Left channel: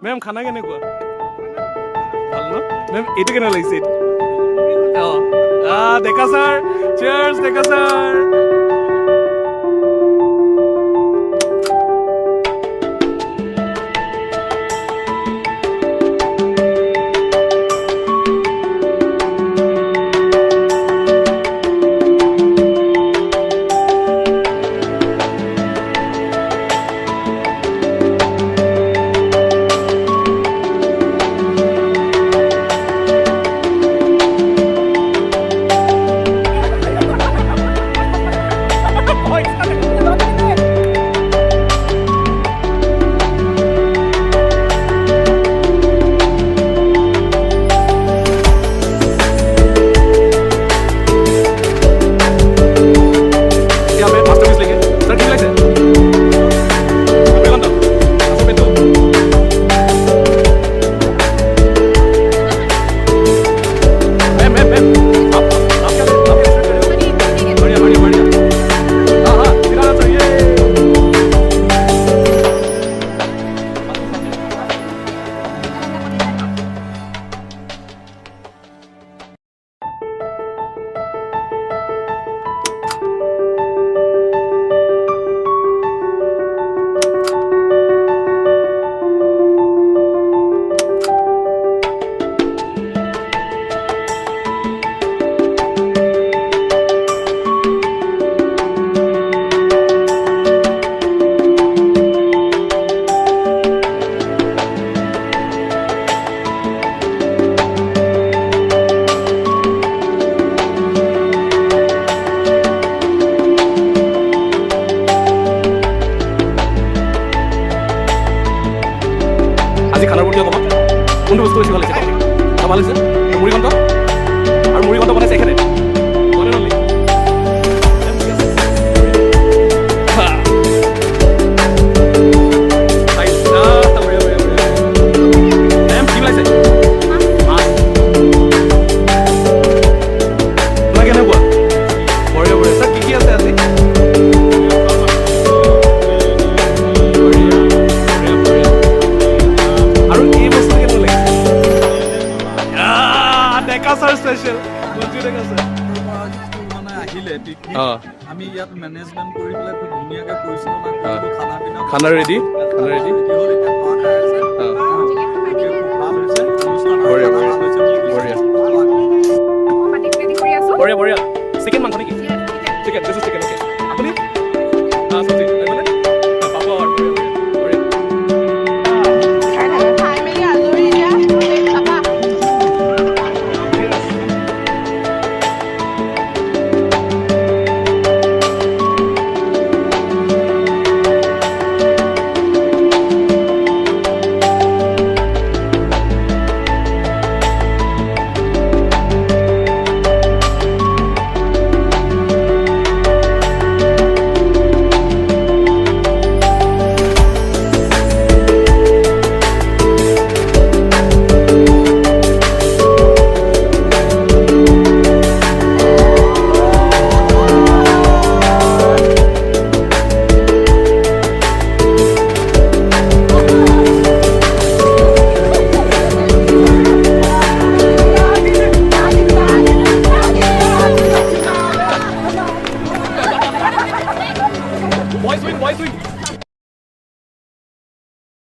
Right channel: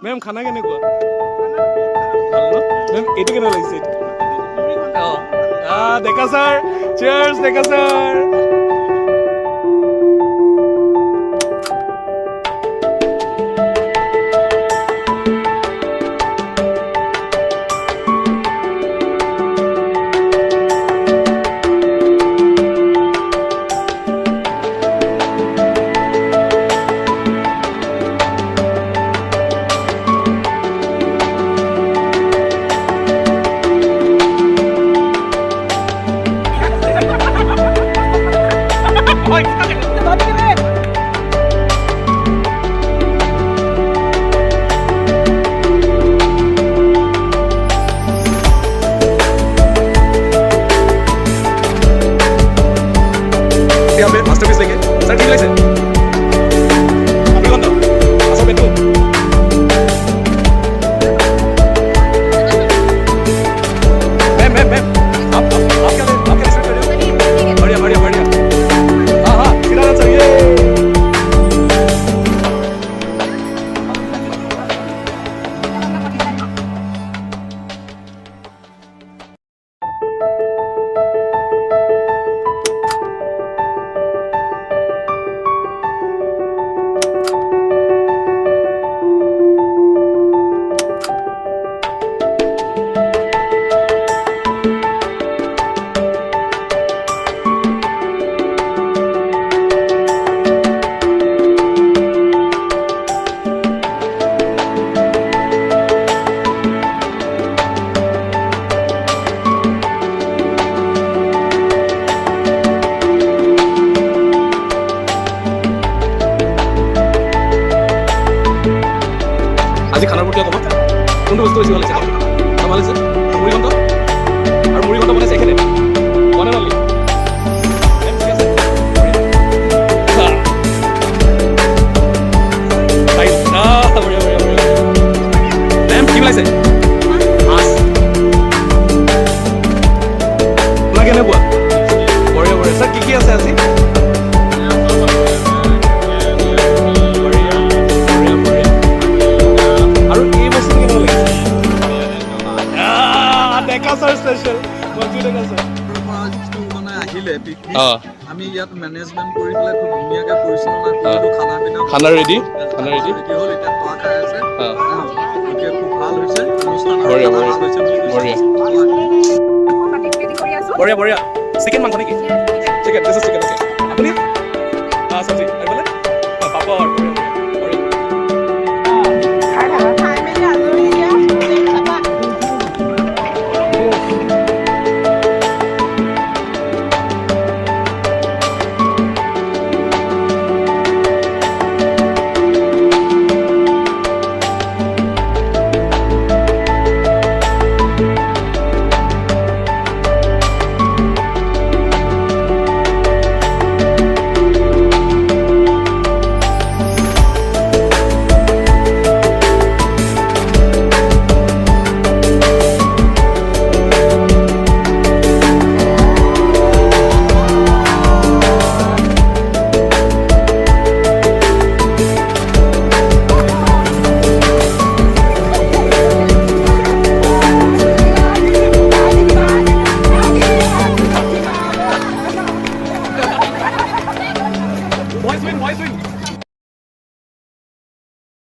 ma'am খানা কেনেকুৱা ভাল ন মেম এইটো কেনে লাগিছে এইটো ডেকা ছাৰ চিয়াৰ্ছ ডেকা ছাৰ মাস্টারপিস লেগে স্যার ঠিক লাগছে বুঝলাম তো আসো বেটো मैम मैम मैम आप क्या एक्सपेक्ट कर रहे हो बढ़िया बढ़िया बढ़िया हाँ हाँ खिलाना चाहिए আজি খানাৰ প্ৰতি অকণমান কোনটো বস্তু বেছি ভাল লাগিছে ভাল লাগিছে মুড়ি ঘণ্ট আৰু মুড়ি ঘণ্ট বনাইছে এখেতে বনে নলি মেম কি ওলাইছে মাছ আপোনাৰ কেনেকুৱা বঢ়িয়া বঢ়িয়া ছাৰ কি আছে আজি আমি ইয়াত মেনেজমেন্ট কৰি পেলাই খুব ধুনীয়াকে পৰিচালনা কৰিলো খানা ৰেডি হ'ল এতিয়া খোৱা খাই আছে এতিয়া খুব ভাল হৈছে বঢ়িয়া বঢ়িয়া বঢ়িয়া বঢ়িয়া বঢ়িয়া চিকেন মাংস নেকি চিকেন দিছ ইজ চিকেন আপুনি চব্জি আহিবনে পাপৰ